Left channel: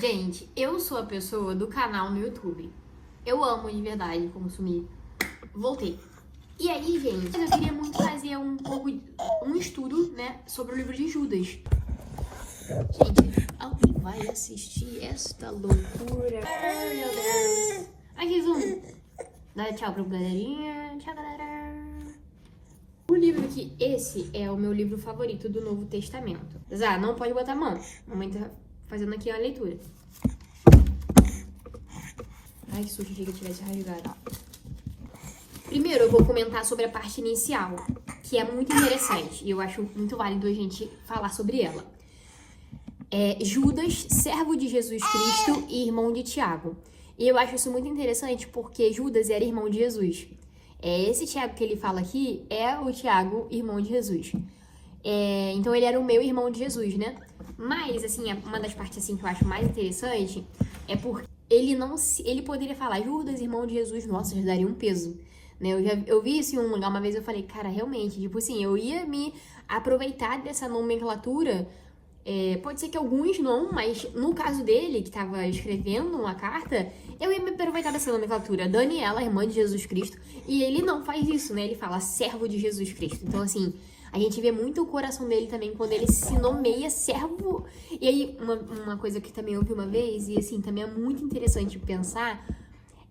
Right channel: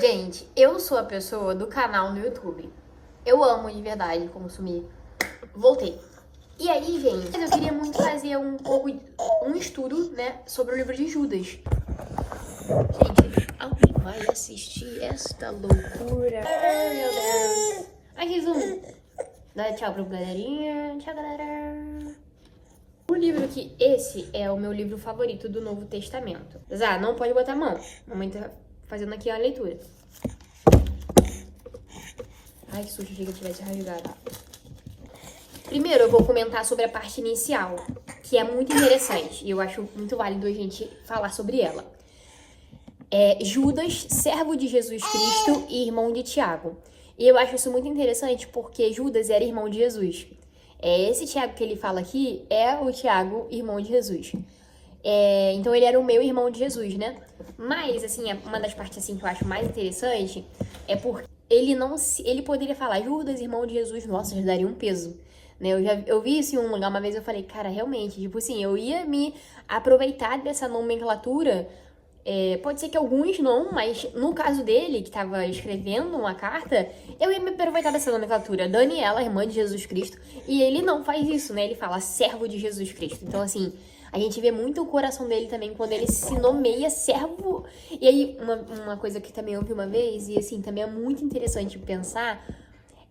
Gente, eu sou a pessoa do canal no YouTube. Eu amo de verdade consumir. Voltei. E aí, gente, eu queria muito fazer um estudo, né, sobre o livro de Judas. Gente, alguém vai assistir esta loucura? Ai, meu Deus. Aqui, zoom. Dá tchau pra galerinha. Tchau, galera. O livro aqui, esse é o meu livro favorito do Novo Testamento. Zá, não pode botar a mão. Mamãe tá fazendo aqui a leitura. Ai, que susto, achei que eu tivesse rasgado. Primeiro, eu vou comentar sobre a parte inicial, que é muito interessante. E eu acho muito válido a gente falar sobre ela. Judas, servo de Jesus Cristo e irmão de Tiago. E eu acho isso muito interessante porque Judas era irmão de Jesus. Esse Tiago que ele fala aqui é o Tiago, irmão de Jesus. Então ele era o meu irmão de Jesus, né? Mas, assim, uma das partes assim, que eu acho mais interessante é porque ele poderia falar Judas, irmão de Jesus, nossa, já daria um peso. Né? Eu vi isso em um lugar uma vez, eu falei, cara, realmente, tipo assim, eu ia me aproveitar dessa nomenclatura. Pode ser que alguns não, mas no caso dele, que estava escrevendo uma carta, eu ia me aproveitar dessa nomenclatura. Daniela, irmã de Jesus Cristo, e ele não faz isso, né? Ele fala servo de Jesus Cristo. Então, assim, a gente vê muito o coração dele também quando ele se nomeia servo. E aí, uma coisa que também eu vi uma vez, e assim, também é muito interessante pensar,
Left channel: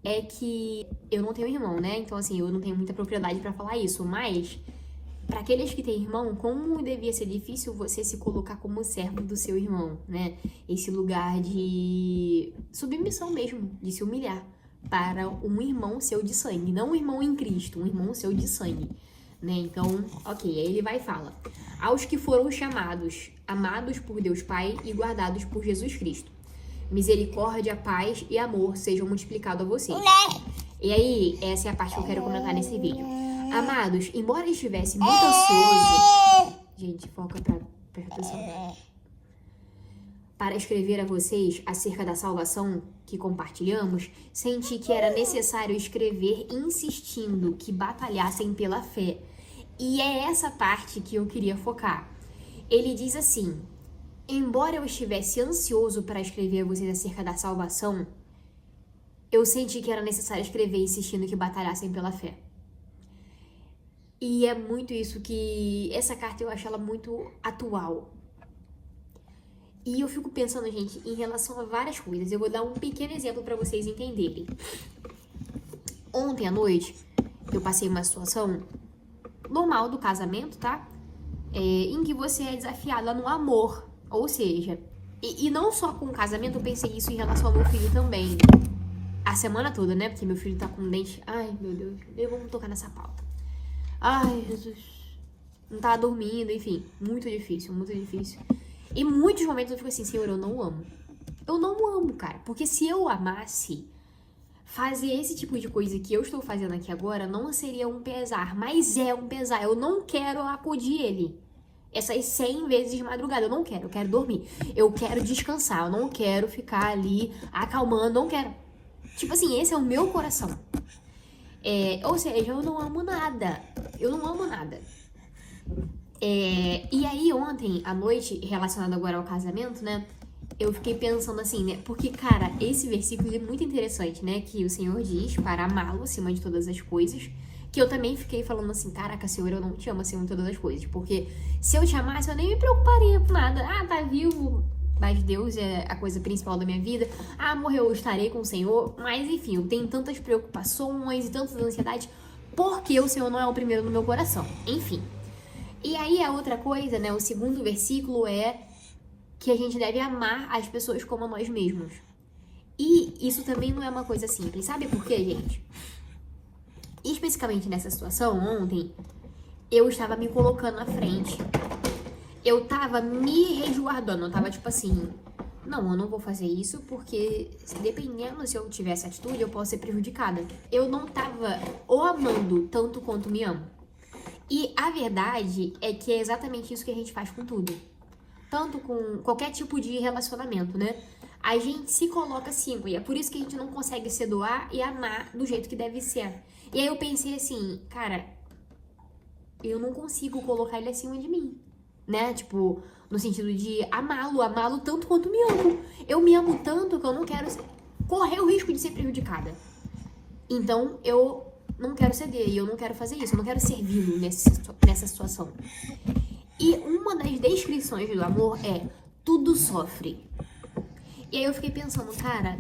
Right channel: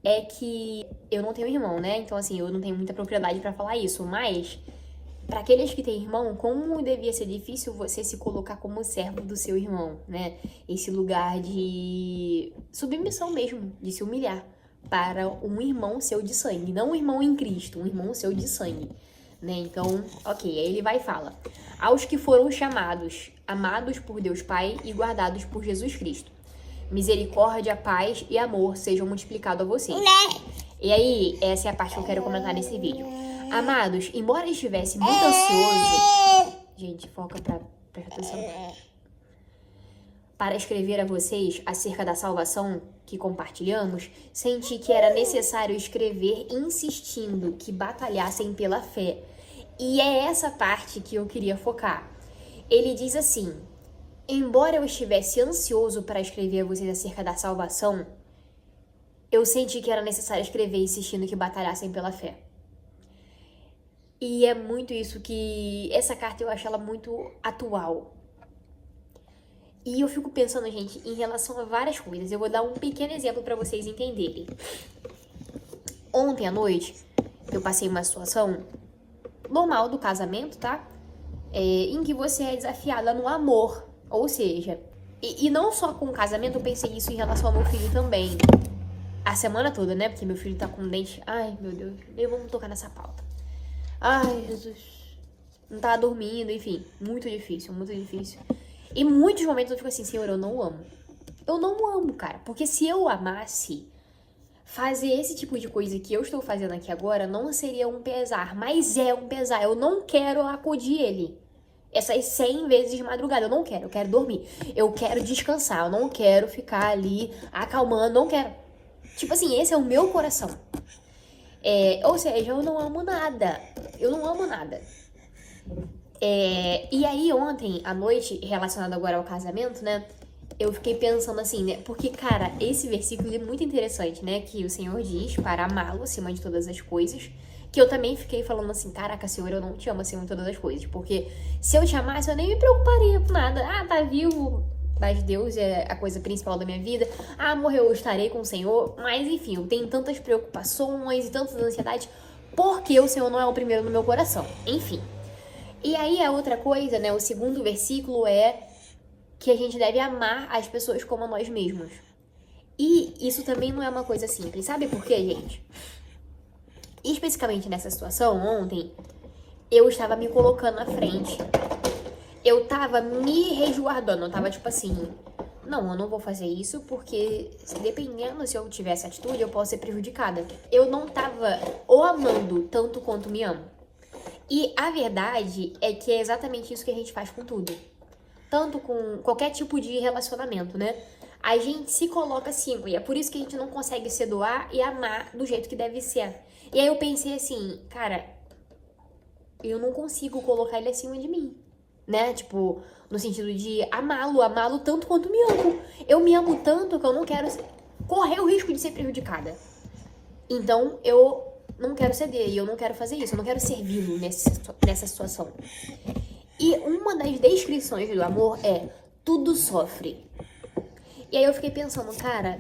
é que eu não tenho irmão, né? Então, assim, eu não tenho muita propriedade pra falar isso, mas para aqueles que têm irmão, como devia ser difícil você se colocar como servo do seu irmão, né? Esse lugar de submissão mesmo, de se humilhar para um irmão seu de sangue, não um irmão em Cristo, um irmão seu de sangue, né? Então, ok, aí ele vai e fala: aos que foram chamados, amados por Deus Pai e guardados por Jesus Cristo, misericórdia, paz e amor sejam multiplicados a vocês. E aí, essa é a parte que eu quero comentar nesse vídeo. Amados, embora eu estivesse muito ansioso... Gente, foca pra prestar atenção. Para escrever a vocês acerca da salvação que compartilhamos, senti que era necessário escrever insistindo que batalhassem pela fé. E é essa parte que eu queria focar. Ele diz assim: embora eu estivesse ansioso para escrever a vocês acerca da salvação, eu senti que era necessário escrever insistindo que batalhassem pela fé. E é muito isso que... Essa carta eu acho ela muito atual. E eu fico pensando, gente, em relação a várias coisas. Eu vou dar um pequeno exemplo para vocês entenderem. Ontem à noite, eu passei uma situação normal do casamento, tá? Em que você é desafiada no amor. Ou seja, e não só com o casamento, eu pensei isso em relação ao meu filho também. A semana toda, né? Porque meu filho tá com dente... Ai, meu Deus. Vamos tocar nessa pauta. Ai, Jesus. Não tava dormindo, enfim. Muito difícil, muito difícil. E muitos momentos eu fico assim, Senhor, eu não amo. Eu não amo, cara. Porque se eu amasse, fazer esse tipo de coisa que eu estou fazendo aqui agora não seria um pesar. Mas é um pesar. Eu não quero acudir ele. Essas 100 vezes de madrugada. Eu não quero. Eu quero dormir. Eu quero descansar. Eu não quero ficar ali acalmando. Não quero. Tipo assim, esse é o meu coração. Ou seja, eu não amo nada. Eu não amo nada. E aí, ontem à noite, relacionado agora ao casamento, né? Eu fiquei pensando assim, né? Porque, cara, esse versículo é muito interessante, né? Que o Senhor diz para amá-lo acima de todas as coisas. Que eu também fiquei falando assim, caraca, Senhor, eu não te amo acima de todas as coisas. Porque se eu te amasse, eu nem me preocuparia com nada. Ah, tá vivo... Mas Deus é a coisa principal da minha vida. Ah, morreu, eu estarei com o Senhor. Mas, enfim, eu tenho tantas preocupações e tantas ansiedades porque o Senhor não é o primeiro no meu coração. Enfim. E aí, a outra coisa, né? O segundo versículo é que a gente deve amar as pessoas como a nós mesmos. E isso também não é uma coisa simples. Sabe por quê, gente? Especificamente nessa situação, ontem, eu estava me colocando à frente. Eu tava me resguardando, eu tava tipo assim, não, eu não vou fazer isso porque dependendo se eu tiver essa atitude, eu posso ser prejudicada. Eu não tava o amando tanto quanto me amo. E a verdade é que é exatamente isso que a gente faz com tudo. Tanto com qualquer tipo de relacionamento, né? A gente se coloca acima e é por isso que a gente não consegue se doar e amar do jeito que deve ser. E aí eu pensei assim, cara, eu não consigo colocar ele acima de mim. né? Tipo, no sentido de amá-lo tanto quanto me amo. Eu me amo tanto que eu não quero correr o risco de ser prejudicada. Então, eu não quero ceder e eu não quero fazer isso. Eu não quero servi-lo nessa situação. E uma das descrições do amor é tudo sofre. E aí eu fiquei pensando, cara,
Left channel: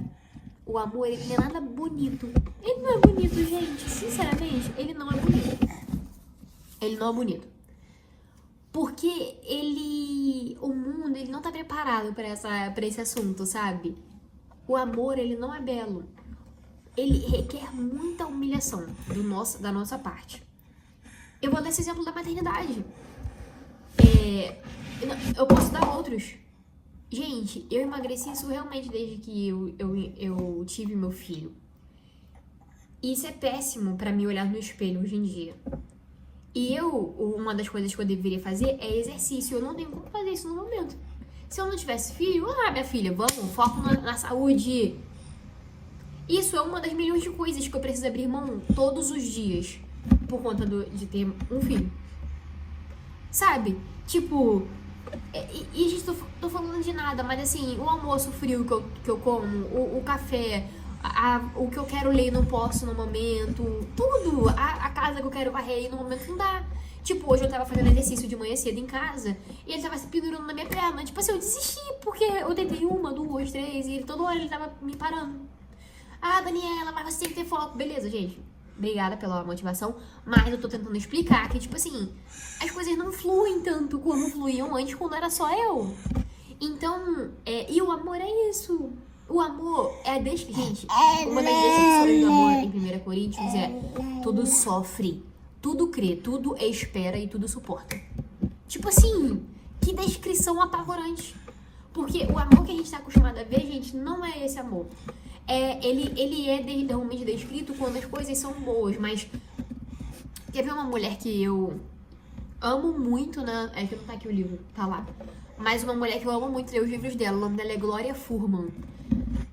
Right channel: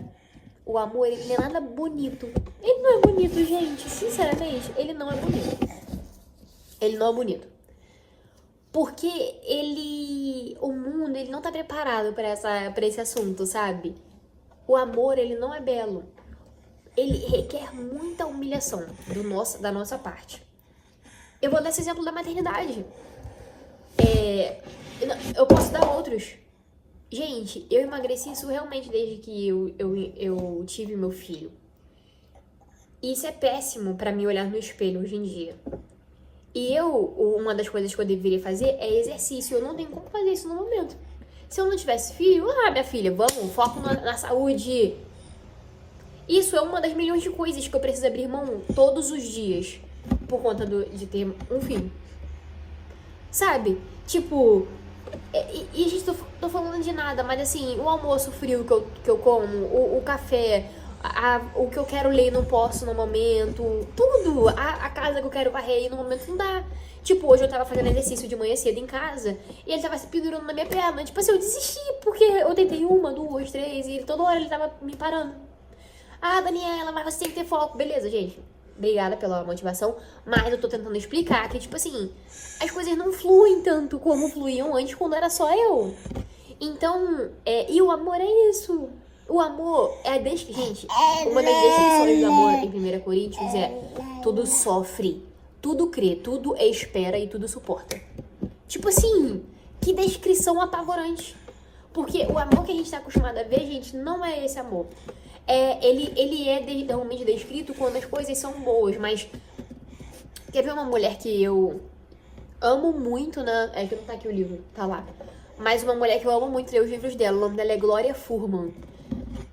o amor, ele não é nada bonito. Ele não é bonito, gente. Sinceramente, ele não é bonito. Ele não é bonito. Porque o mundo, ele não tá preparado pra esse assunto, sabe? O amor, ele não é belo. Ele requer muita humilhação da nossa parte. Eu vou dar esse exemplo da maternidade. Eu posso dar outros. Gente, eu emagreci surrealmente desde que eu tive meu filho. Isso é péssimo pra mim olhar no espelho hoje em dia. E uma das coisas que eu deveria fazer é exercício. Eu não tenho como fazer isso no momento. Se eu não tivesse filho, minha filha, vamos, foco na saúde. Isso é uma das milhões de coisas que eu preciso abrir mão todos os dias por conta de ter um filho. Sabe? Tipo, e a gente tô falando de nada, mas assim, o almoço frio que eu como, o café, o que eu quero ler e não posso no momento, tudo, a casa que eu quero varrer e no momento não dá. Tipo, hoje eu tava fazendo exercício de manhã cedo em casa e ele tava se pendurando na minha perna. Tipo assim, eu desisti porque eu tentei 1, 2, 3 e toda hora ele tava me parando. Daniela, mas você tem que ter foco. Beleza, gente. Obrigada pela motivação. Mas eu tô tentando explicar que, tipo assim, as coisas não fluem tanto como fluíam antes quando era só eu. Então, e o amor é isso. O amor gente, uma das definições do amor em 1 Coríntios é tudo sofre, tudo crê, tudo espera e tudo suporta. Tipo assim, que descrição apavorante. Porque o amor que a gente tá acostumado a ver, gente, não é esse amor. Ele é realmente descrito quando as coisas são boas, mas quer ver uma mulher que eu amo muito, né? É que não tá aqui o livro, tá lá. Mas uma mulher que eu amo muito, ler os livros dela, o nome dela é Gloria Furman.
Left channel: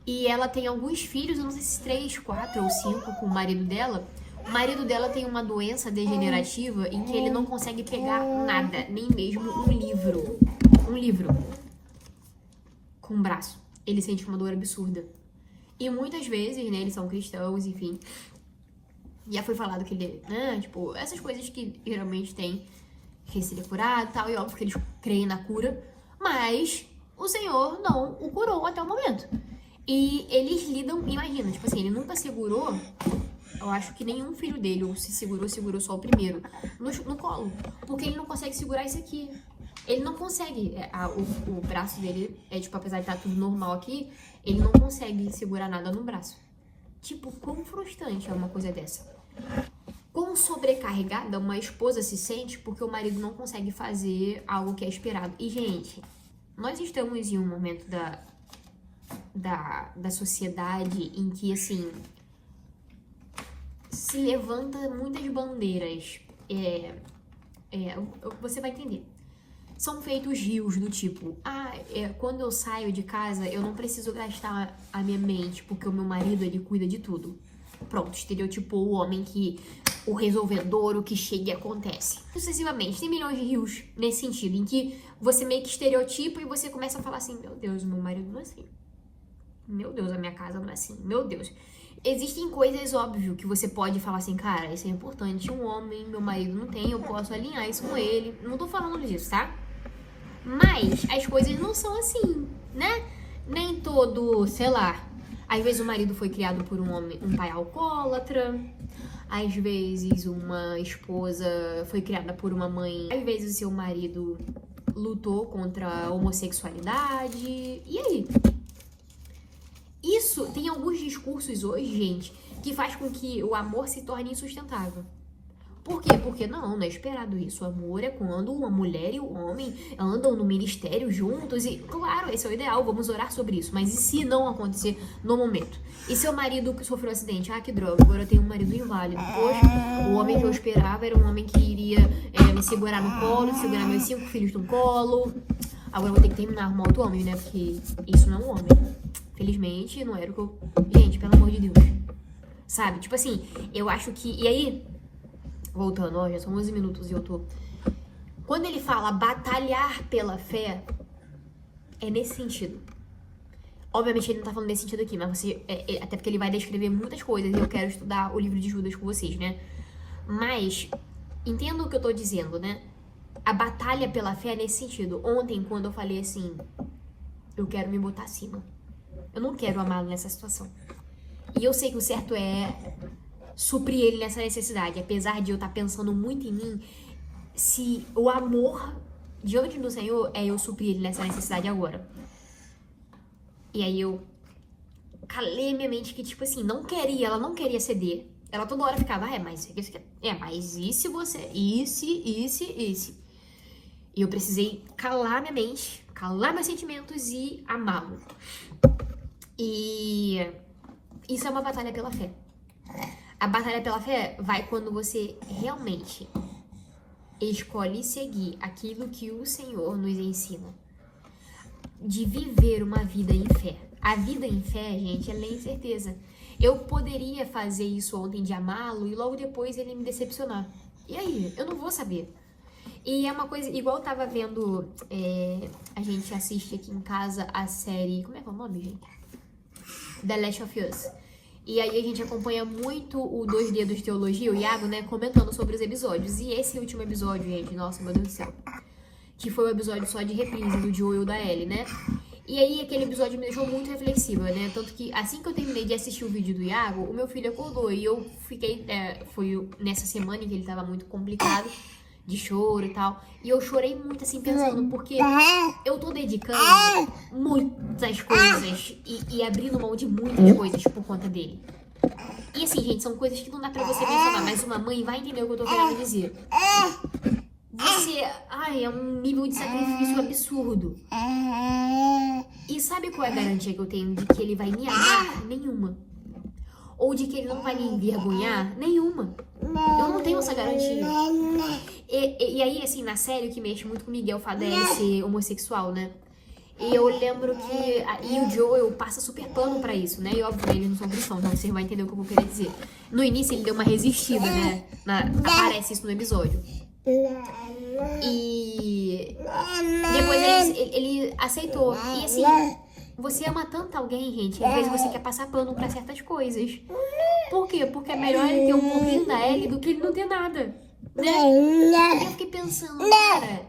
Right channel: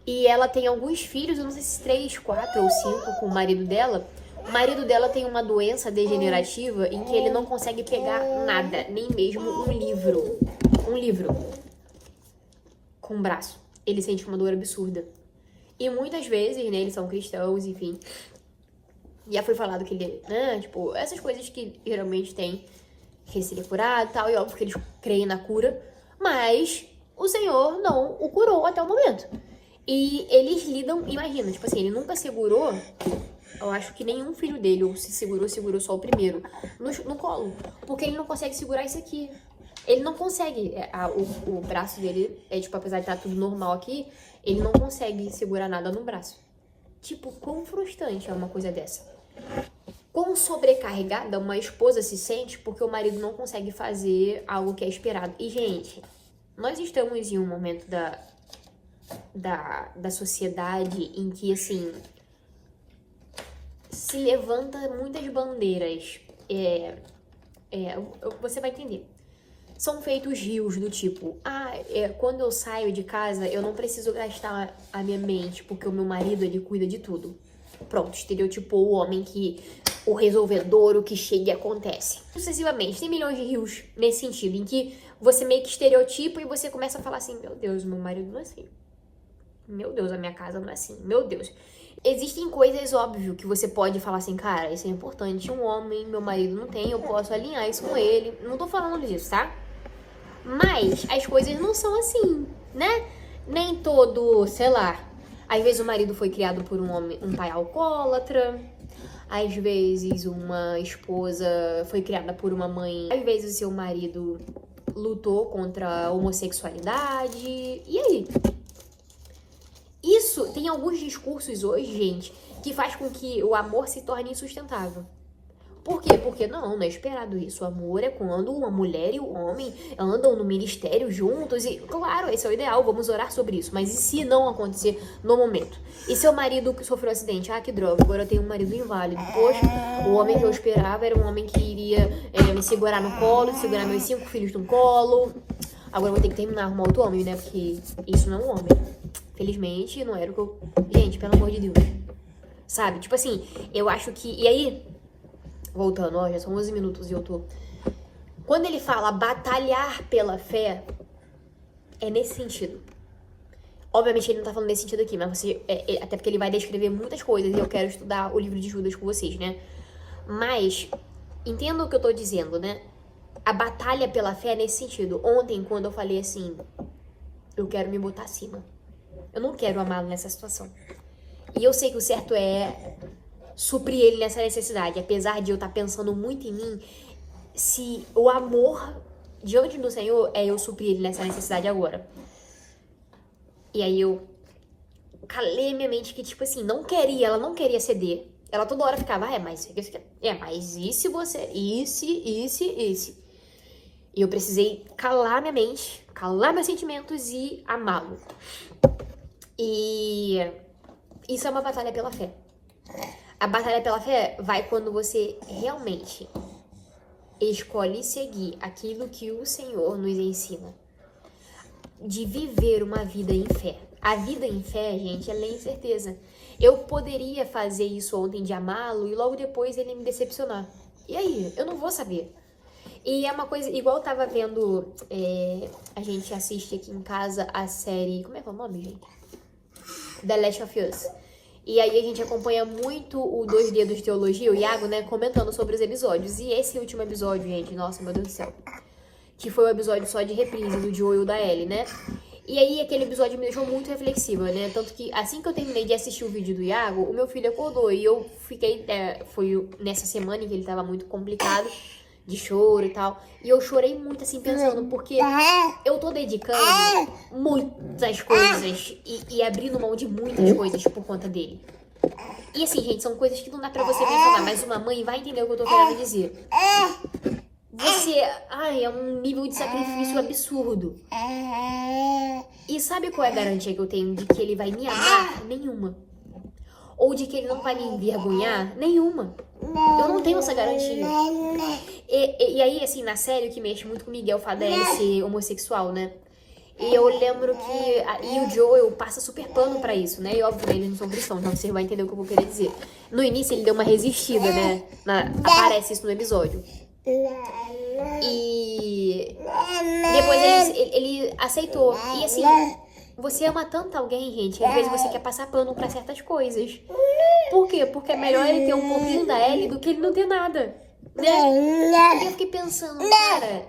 E ela tem alguns filhos, eu não sei se 3, 4 ou 5 com o marido dela. O marido dela tem uma doença degenerativa em que ele não consegue pegar nada, nem mesmo um livro. Um livro. Com o braço. Ele sente uma dor absurda. E muitas vezes, né, eles são cristãos, enfim. Já foi falado que ele, né, tipo, essas coisas que geralmente tem que ser curado e tal, e óbvio que eles creem na cura, mas o Senhor não o curou até o momento. E eles lidam, imagina, tipo assim, ele nunca segurou, eu acho que nenhum filho dele, ou se segurou só o primeiro, no colo, porque ele não consegue segurar isso aqui. Ele não consegue, o braço dele, tipo, apesar de estar tudo normal aqui, ele não consegue segurar nada no braço. Tipo, quão frustrante é uma coisa dessa? Quão sobrecarregada uma esposa se sente porque o marido não consegue fazer algo que é esperado. E, gente, nós estamos em um momento da sociedade em que, assim, se levanta muitas bandeiras. Você vai entender. São feitos rios do tipo, quando eu saio de casa, eu não preciso gastar a minha mente, porque o meu marido, ele cuida de tudo. Pronto, estereotipou o homem o resolvedor, o que chega e acontece. Sucessivamente, tem milhões de rios nesse sentido, em que você meio que estereotipa e você começa a falar assim, meu Deus, meu marido não é assim. Meu Deus, a minha casa não é assim. Meu Deus. Existem coisas, óbvio, que você pode falar assim, cara, isso é importante, um homem, meu marido não tem, eu posso alinhar isso com ele. Não tô falando disso, tá? Mas as coisas não são assim, né? Nem todo, sei lá, às vezes o marido foi criado por um pai alcoólatra, às vezes uma esposa foi criada por uma mãe, às vezes o seu marido lutou contra a homossexualidade, e aí? Isso, tem alguns discursos hoje, gente, que faz com que o amor se torne insustentável. Por quê? Porque não é esperado isso. O amor é quando uma mulher e um homem andam no ministério juntos e, claro, esse é o ideal, vamos orar sobre isso. Mas e se não acontecer no momento? E seu marido sofreu um acidente? Que droga, agora eu tenho um marido inválido. Poxa, o homem que eu esperava era um homem que iria me segurar no colo, segurar meus 5 filhos no colo. Agora eu vou ter que terminar, arrumar outro homem, né? Porque isso não é um homem. Felizmente, não era o que eu... Gente, pelo amor de Deus. Sabe? Tipo assim, eu acho que... E aí... Voltando, já são 11 minutos e eu tô Quando ele fala batalhar pela fé, é nesse sentido. Obviamente ele não tá falando nesse sentido aqui, mas você, até porque ele vai descrever muitas coisas e eu quero estudar o livro de Judas com vocês, né? Mas, entenda o que eu tô dizendo, né? A batalha pela fé é nesse sentido. Ontem, quando eu falei assim, eu quero me botar acima. Eu não quero amá-lo nessa situação. E eu sei que o certo é suprir ele nessa necessidade. Apesar de eu estar pensando muito em mim, se o amor diante do Senhor é eu suprir ele nessa necessidade agora. E aí eu calei minha mente que, tipo assim, ela não queria ceder. Ela toda hora ficava, mas e se você, esse. E eu precisei calar minha mente, calar meus sentimentos e amá-lo. E isso é uma batalha pela fé. A batalha pela fé vai quando você realmente escolhe seguir aquilo que o Senhor nos ensina. De viver uma vida em fé. A vida em fé, gente, ela é incerteza. Eu poderia fazer isso ontem de amá-lo e logo depois ele me decepcionar. E aí? Eu não vou saber. E é uma coisa, igual eu tava vendo, a gente assiste aqui em casa a série, como é que é o nome, gente? The Last of Us. E aí a gente acompanha muito o 2 Dedos de Teologia, o Iago, né, comentando sobre os episódios. E esse último episódio, gente, nossa, meu Deus do céu. Que foi um episódio só de reprise do Joel e da Ellie, né? E aí aquele episódio me deixou muito reflexiva, né? Tanto que assim que eu terminei de assistir o vídeo do Iago, o meu filho acordou e eu fiquei, foi nessa semana em que ele tava muito complicado, de choro e tal. E eu chorei muito assim pensando, porque eu tô dedicando muitas coisas e abrindo mão de muitas coisas por conta dele. E assim, gente, são coisas que não dá pra você mencionar, mas uma mãe vai entender o que eu tô querendo dizer. Você, é um nível de sacrifício absurdo. E sabe qual é a garantia que eu tenho de que ele vai me amar? Nenhuma. Ou de que ele não vai me envergonhar? Nenhuma. Eu não tenho essa garantia. E aí, assim, na série, o que mexe muito comigo é o fato dele ser homossexual, né? E eu lembro que o Joel passa super pano pra isso, né? E óbvio, eles não são cristãos, então você vai entender o que eu vou querer dizer. No início, ele deu uma resistida, né? Aparece isso no episódio. E depois ele aceitou. E assim, você ama tanto alguém, gente, que às vezes você quer passar pano pra certas coisas. Por quê? Porque é melhor ele ter um pouquinho da Ellie do que ele não ter nada, né? E eu fiquei pensando, cara,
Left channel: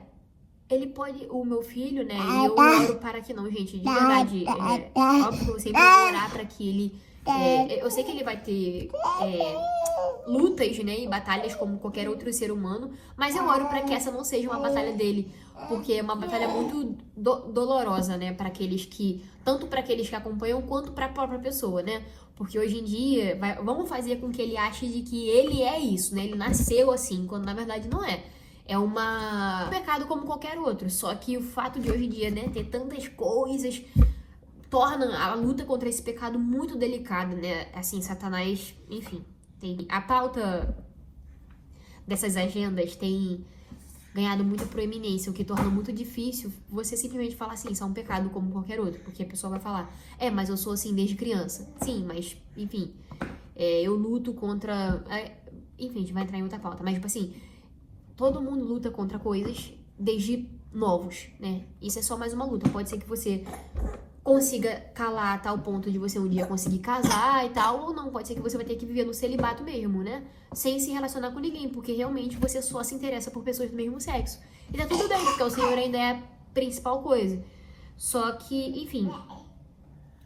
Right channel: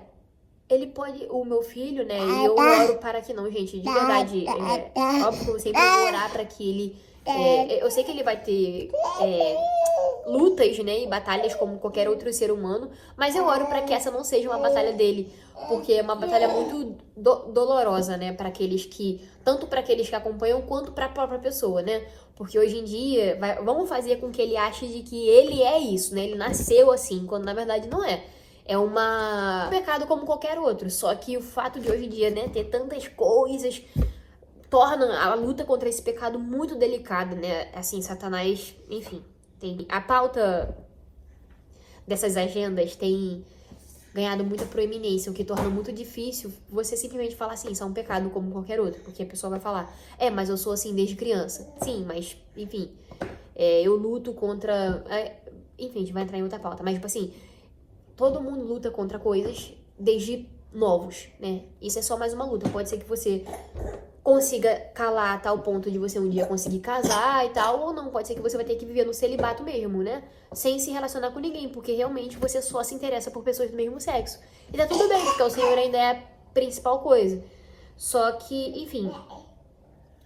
ele pode, o meu filho, né? E eu oro para que não, gente, de verdade. Óbvio que eu sempre vou orar para que ele. Eu sei que ele vai ter lutas, né, e batalhas como qualquer outro ser humano, mas eu oro para que essa não seja uma batalha dele, porque é uma batalha muito dolorosa, né, para aqueles que, tanto para aqueles que acompanham quanto para a própria pessoa, né, porque hoje em dia vamos fazer com que ele ache de que ele é isso, né, ele nasceu assim, quando na verdade não é. É um pecado como qualquer outro, só que o fato de hoje em dia, né, ter tantas coisas torna a luta contra esse pecado muito delicada, né, assim, Satanás, enfim. A pauta dessas agendas tem ganhado muita proeminência, o que torna muito difícil você simplesmente falar assim, isso é um pecado como qualquer outro, porque a pessoa vai falar, mas eu sou assim desde criança. Sim, mas, enfim, eu luto contra... enfim, a gente vai entrar em outra pauta, mas, tipo assim, todo mundo luta contra coisas desde novos, né? Isso é só mais uma luta, pode ser que você consiga calar a tal ponto de você um dia conseguir casar e tal, ou não, pode ser que você vai ter que viver no celibato mesmo, né? Sem se relacionar com ninguém, porque realmente você só se interessa por pessoas do mesmo sexo. E tá tudo bem, porque o Senhor ainda é a principal coisa. Só que, enfim,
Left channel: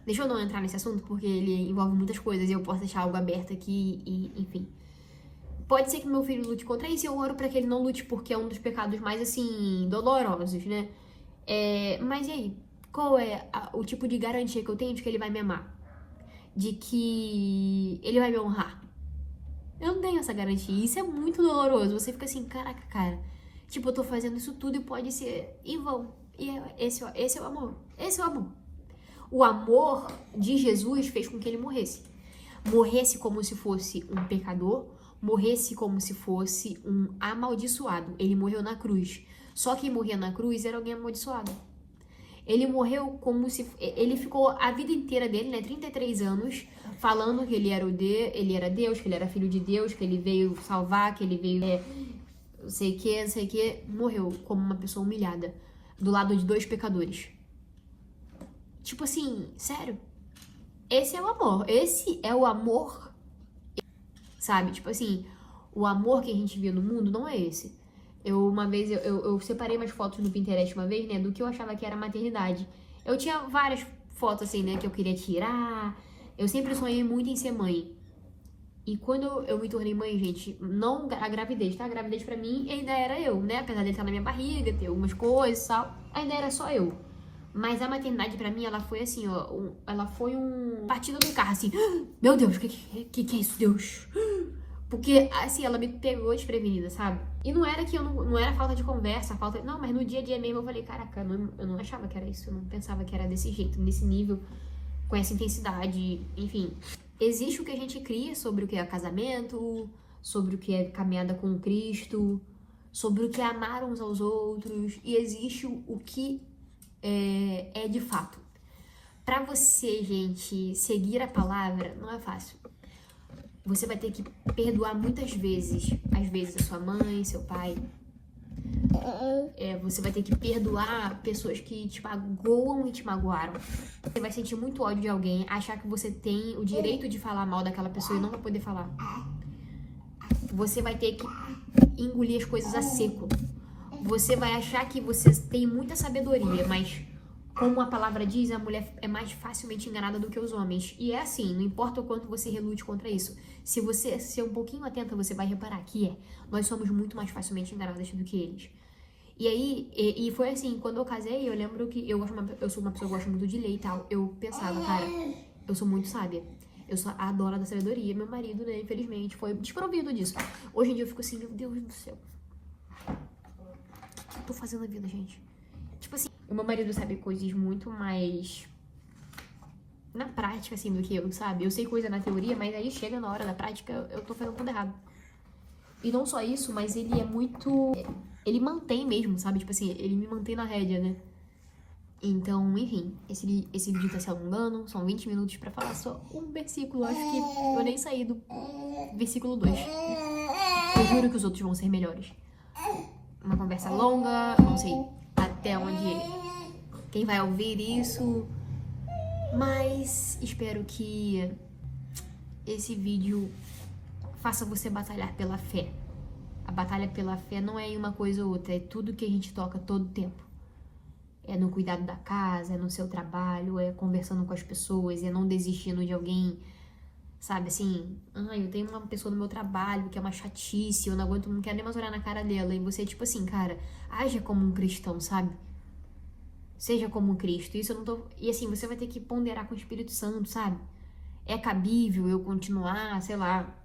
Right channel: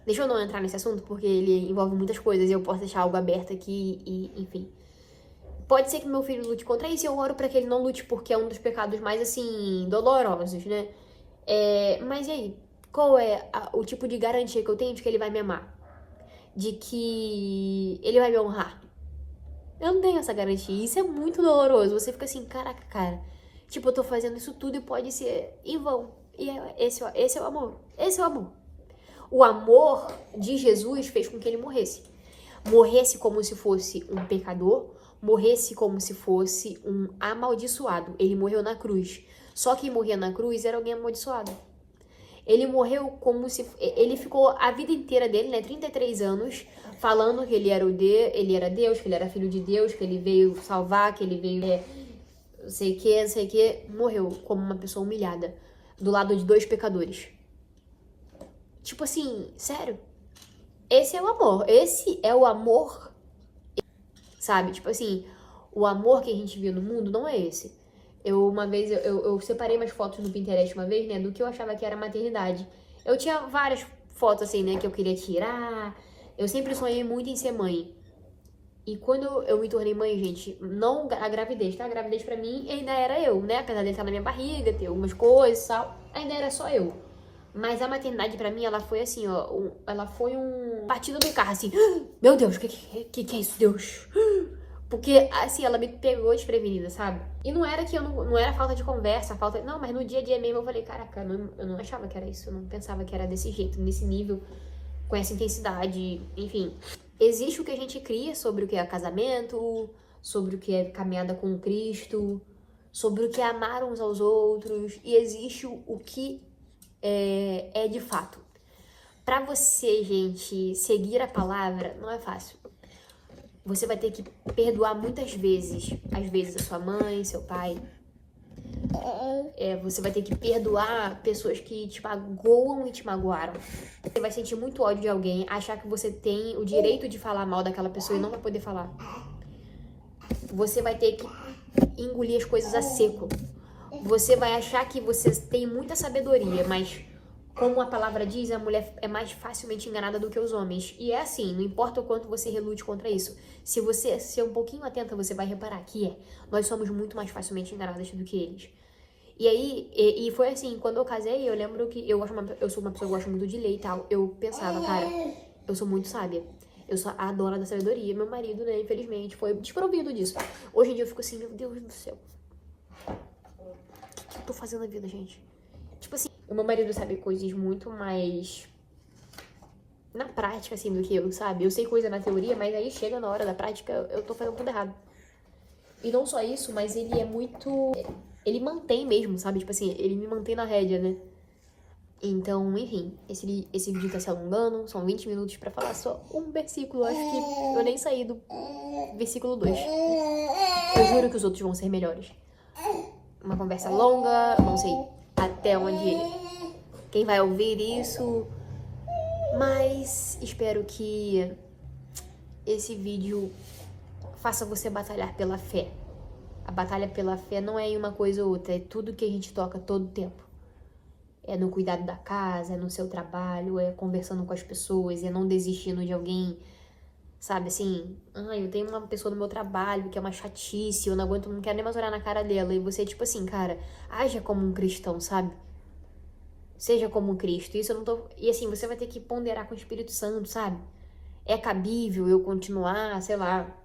deixa eu não entrar nesse assunto, porque ele envolve muitas coisas e eu posso deixar algo aberto aqui e, enfim. Pode ser que meu filho lute contra isso e eu oro pra que ele não lute, porque é um dos pecados mais, assim, dolorosos, né? Mas e aí? Qual é o tipo de garantia que eu tenho de que ele vai me amar? De que ele vai me honrar? Eu não tenho essa garantia. Isso é muito doloroso. Você fica assim, caraca, cara. Tipo, eu tô fazendo isso tudo e pode ser em vão. E esse é o amor. Esse é o amor. O amor de Jesus fez com que ele morresse. Morresse como se fosse um pecador. Morresse como se fosse um amaldiçoado. Ele morreu na cruz. Só quem morria na cruz era alguém amaldiçoado. Ele morreu como se... Ele ficou a vida inteira dele, né? 33 anos, falando que ele era Deus, que ele era filho de Deus, que ele veio salvar, que ele veio não sei o que, morreu como uma pessoa humilhada, do lado de 2 pecadores. Tipo assim, sério? Esse é o amor. Esse é o amor, sabe? Tipo assim, o amor que a gente vê no mundo não é esse. Uma vez, eu separei umas fotos no Pinterest uma vez, né, do que eu achava que era maternidade. Eu tinha várias fotos, assim, né, que eu queria tirar. Eu sempre sonhei muito em ser mãe. E quando eu me tornei mãe, gente, não a gravidez, tá? A gravidez pra mim ainda era eu, né? Apesar de estar na minha barriga, ter algumas coisas e tal, ainda era só eu. Mas a maternidade pra mim, ela foi assim, ó, ela foi um batida do carro, assim, meu Deus, que é isso, Deus? Porque, assim, ela me pegou desprevenida, sabe? E não era que eu não era falta de conversa, não, mas no dia a dia mesmo eu falei, caraca, eu não achava que era isso, eu não pensava que era desse jeito, nesse nível, com essa intensidade, enfim. Existe o que a gente cria sobre o que é casamento, sobre o que é caminhada com Cristo, sobre o que é amar uns aos outros, e existe o que é de fato. Pra você, gente, seguir a palavra, não é fácil. Você vai ter que perdoar muitas vezes. Às vezes a sua mãe, seu pai. Você vai ter que perdoar pessoas que te magoam e te magoaram. Você vai sentir muito ódio de alguém, achar que você tem o direito de falar mal daquela pessoa e não vai poder falar. Você vai ter que engolir as coisas a seco. Você vai achar que você tem muita sabedoria, mas como a palavra diz, a mulher é mais facilmente enganada do que os homens. E é assim, não importa o quanto você relute contra isso. Se você ser um pouquinho atenta, você vai reparar que nós somos muito mais facilmente enganadas do que eles. E aí, e foi assim, quando eu casei, eu lembro que eu sou uma pessoa que gosta muito de ler e tal. Eu pensava, cara, eu sou muito sábia. Eu sou a dona da sabedoria. Meu marido, né, infelizmente, foi desprovido disso. Hoje em dia eu fico assim, meu Deus do céu. O que eu tô fazendo na vida, gente? Tipo assim, o meu marido sabe coisas muito mais na prática, assim, do que eu, sabe? Eu sei coisa na teoria, mas aí chega na hora da prática, eu tô fazendo tudo errado. E não só isso, mas ele é muito... Ele mantém mesmo, sabe? Tipo assim, ele me mantém na rédea, né? Então, enfim, esse vídeo tá se alongando, são 20 minutos pra falar só um versículo. Acho que eu nem saí do versículo 2. Eu juro que os outros vão ser melhores. Uma conversa longa, não sei até onde quem vai ouvir isso, mas espero que esse vídeo faça você batalhar pela fé. A batalha pela fé não é em uma coisa ou outra, é tudo que a gente toca todo tempo. É no cuidado da casa, é no seu trabalho, é conversando com as pessoas, é não desistindo de alguém, sabe, assim, eu tenho uma pessoa no meu trabalho que é uma chatice, eu não aguento, não quero nem mais olhar na cara dela, e você, tipo assim, cara, haja como um cristão, sabe? Seja como um Cristo, isso eu não tô... E assim, você vai ter que ponderar com o Espírito Santo, sabe? É cabível eu continuar, sei lá,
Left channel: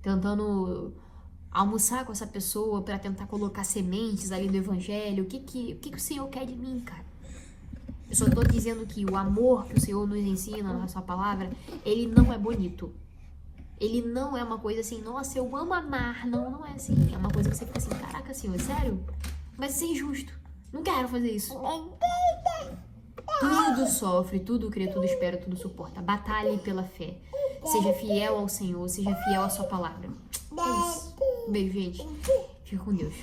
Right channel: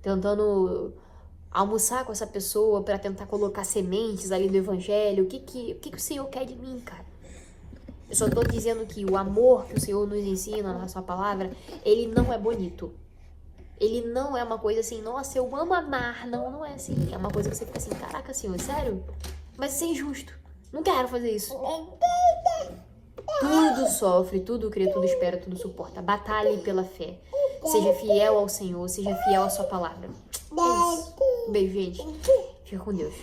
tentando almoçar com essa pessoa pra tentar colocar sementes ali do Evangelho? O que o Senhor quer de mim, cara? Eu só tô dizendo que o amor que o Senhor nos ensina na sua palavra, ele não é bonito. Ele não é uma coisa assim, nossa, eu amo amar. Não, não é assim. É uma coisa que você fica assim, caraca, Senhor, sério? Mas isso é injusto. Não quero fazer isso. Tudo sofre, tudo crê, tudo espera, tudo suporta. Batalhe pela fé. Seja fiel ao Senhor, seja fiel à sua palavra. É isso. Um beijo, gente. Fica com Deus.